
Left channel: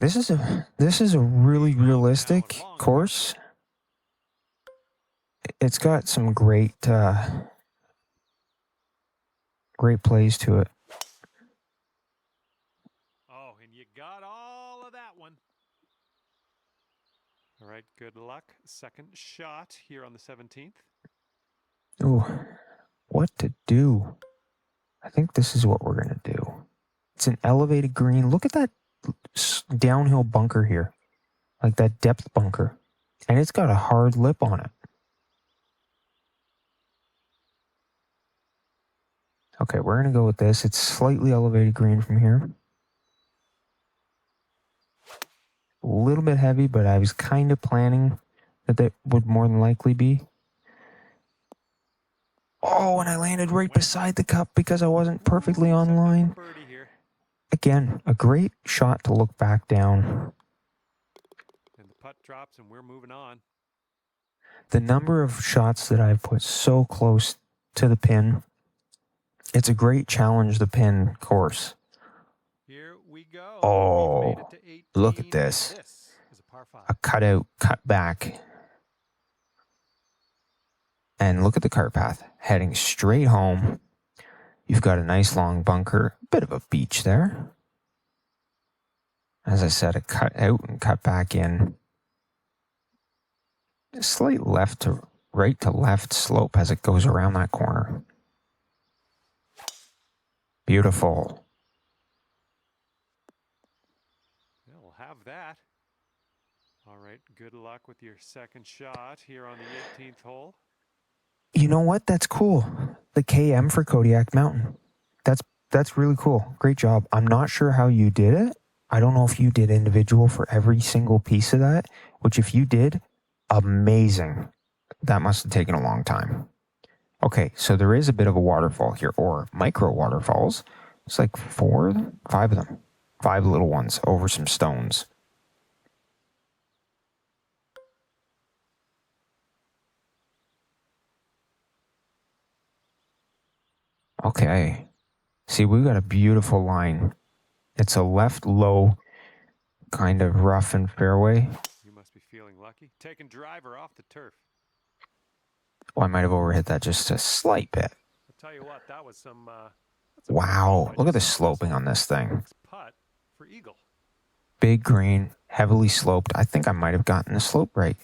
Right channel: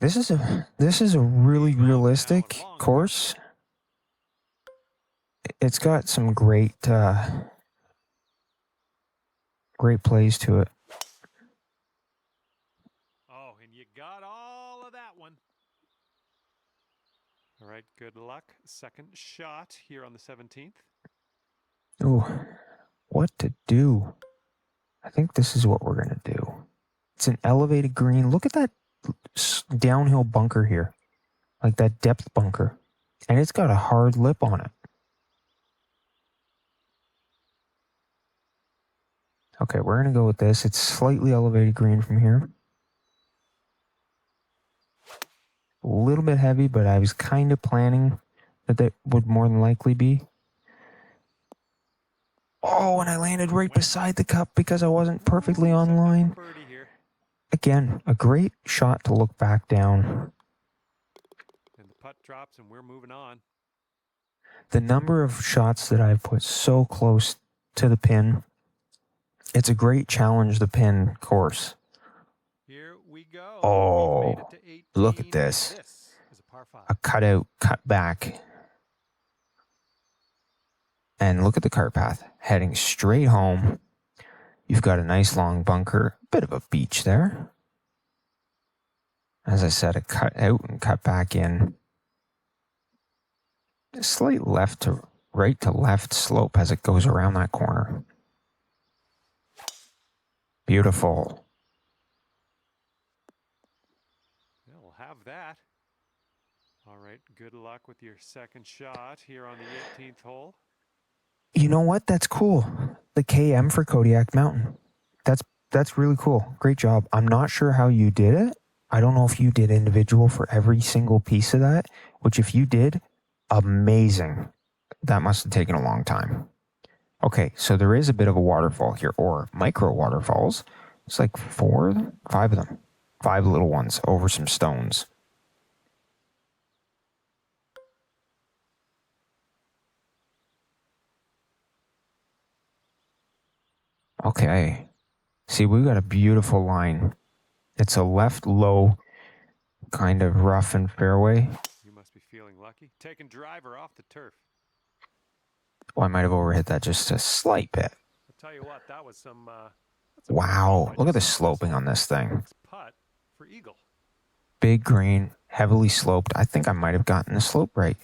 This is a really realistic course. It's got some great plays to it. Oh, and you got all of that one. All right, good luck. Second shot here on the 17th. Ooh, what to do? I think this is what we're going to do. It's an elevated green. Look at that downhill bunker here. Like that depth bunker. And it's got a hard lip on it. Okay, we're going to go with this. It's slightly elevated green from here. A little bit heavy, but I was kind of planning that would more than likely be. Oh, and I landed right beside the cup because I wasn't perfectly on line. Again, a great shot to look back down. And the putt drops and we're moving on. The number of shots that I've put so close to the pin, it's a great challenge the pin course. Here we go. Oh, We've made it to 18, look at this. and this is a par 5. A cutout, cut back. And look at the cart path, heading straight home. You've got a nice long bunker, bit of a beach there. As I said, a cut out and cut back in. A slight right to left slope as it goes around that corner. Beautiful. Yeah, we'll have that. All right, good luck with your second shot here on the 18th hole. You know what? That's cool. The KM for Kodiak Mountain. That's really cool. Great job. I'm not sure how you did it. I don't know if you did individual for every single piece of that, which if you did, amazing. That must have taken a long time. Okay, so there is a bit of a waterfall here, or micro waterfalls. It's like 5 of them. 5 little ones over some stones. Okay. See, we've got a beautiful line. It's a left low, kind of rough and fairway. You must be feeling lucky. Taking driver off the turf. Oh, I might have overhit that just a slight bit. I'll tell you what, that was some... Wow, look at the sloping on this thing. Putt for eagle. Big green, heavily sloped. I think I might have gotten the slope right.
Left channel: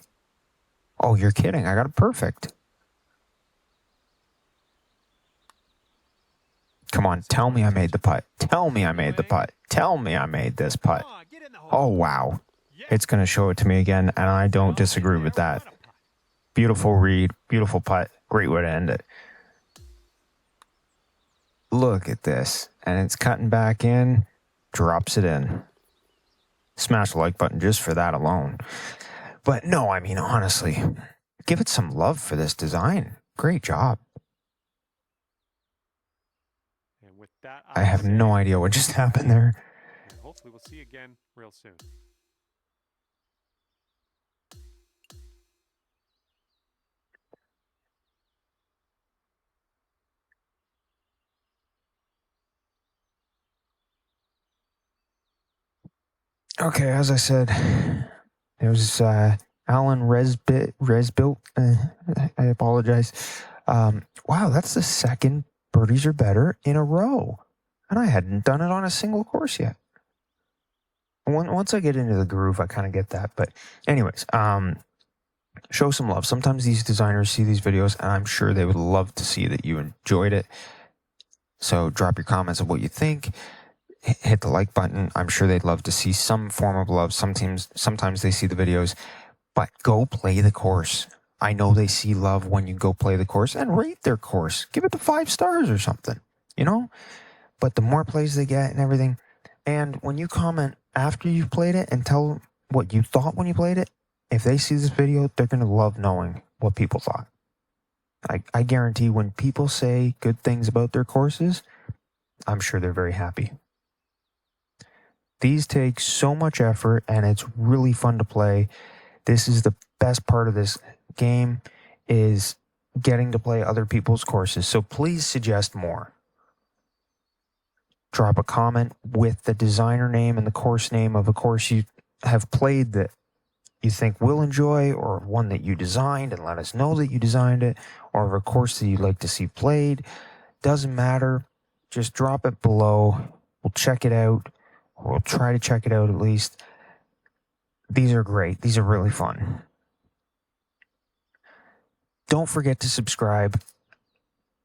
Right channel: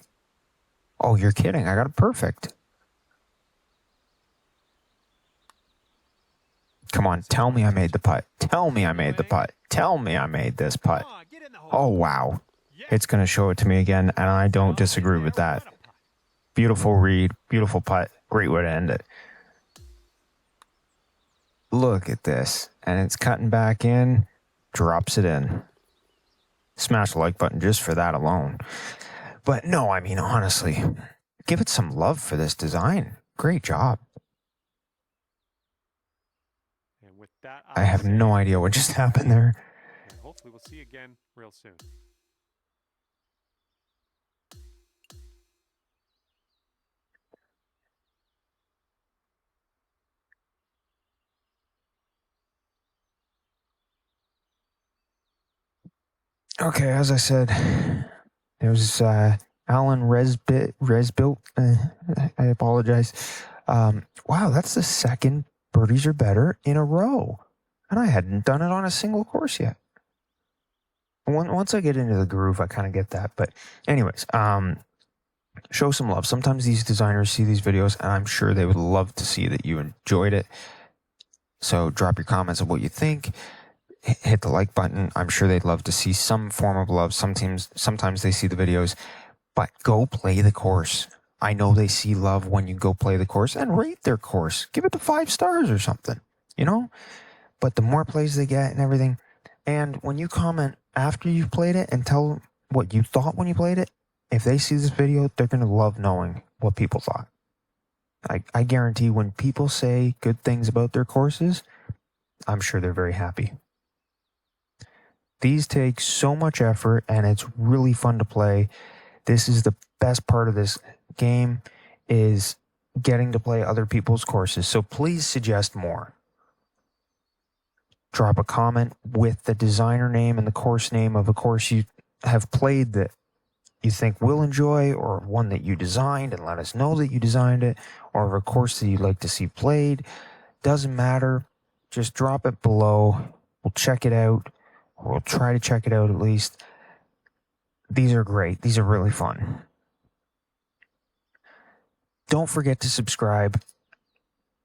Oh, you're kidding. I got it perfect. Come on, tell me I made the putt. Tell me I made the putt. Tell me I made this putt. Oh, wow. It's going to show it to me again, and I don't disagree with that. Beautiful read, beautiful putt. Great way to end it. Look at this. And it's cutting back in, drops it in. Smash the like button just for that alone. But no, I mean, honestly, give it some love for this design. Great job. And with that, I have no idea what just happened there. And hopefully we'll see you again real soon. Okay, as I said, it was Alan Rezbilt. I apologize. Wow, that's the second birdies or better in a row. And I hadn't done it on a single course yet. Once I get into the groove, I kind of get that. But anyways, show some love. Sometimes these designers see these videos, and I'm sure they would love to see that you enjoyed it. So drop your comments of what you think. Hit the like button. I'm sure they'd love to see some form of love. Sometimes they see the videos, but go play the course. I know they see love when you go play the course and rate their course. Give it the 5 stars or something, you know? But the more plays they get and everything, and when you comment after you've played it and tell what you thought when you played it, if they see this video, they're going to love knowing what people thought. I guarantee when people say good things about their courses, I'm sure they're very happy. These take so much effort, and it's really fun to play. This is the best part of this game, is getting to play other people's courses. So please suggest more. Drop a comment with the designer name and the course name of a course you have played that you think we'll enjoy, or one that you designed, and let us know that you designed it, or a course that you'd like to see played. Doesn't matter. Just drop it below. We'll check it out. Or we'll try to check it out at least. These are great. These are really fun. Don't forget to subscribe,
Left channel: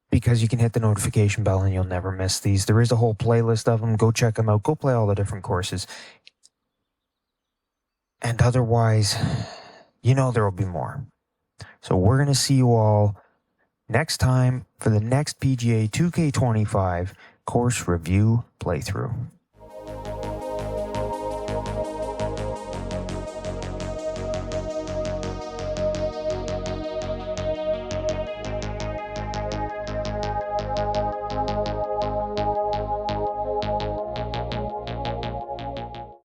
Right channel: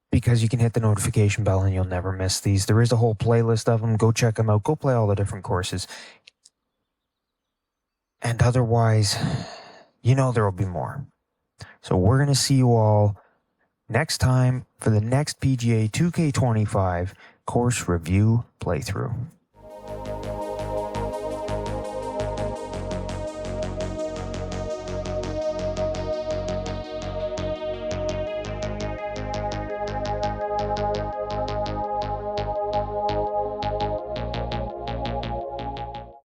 because you can hit the notification bell and you'll never miss these. There is a whole playlist of them. Go check them out. Go play all the different courses. And otherwise, you know there will be more. So we're going to see you all next time for the next PGA 2K25 course review playthrough.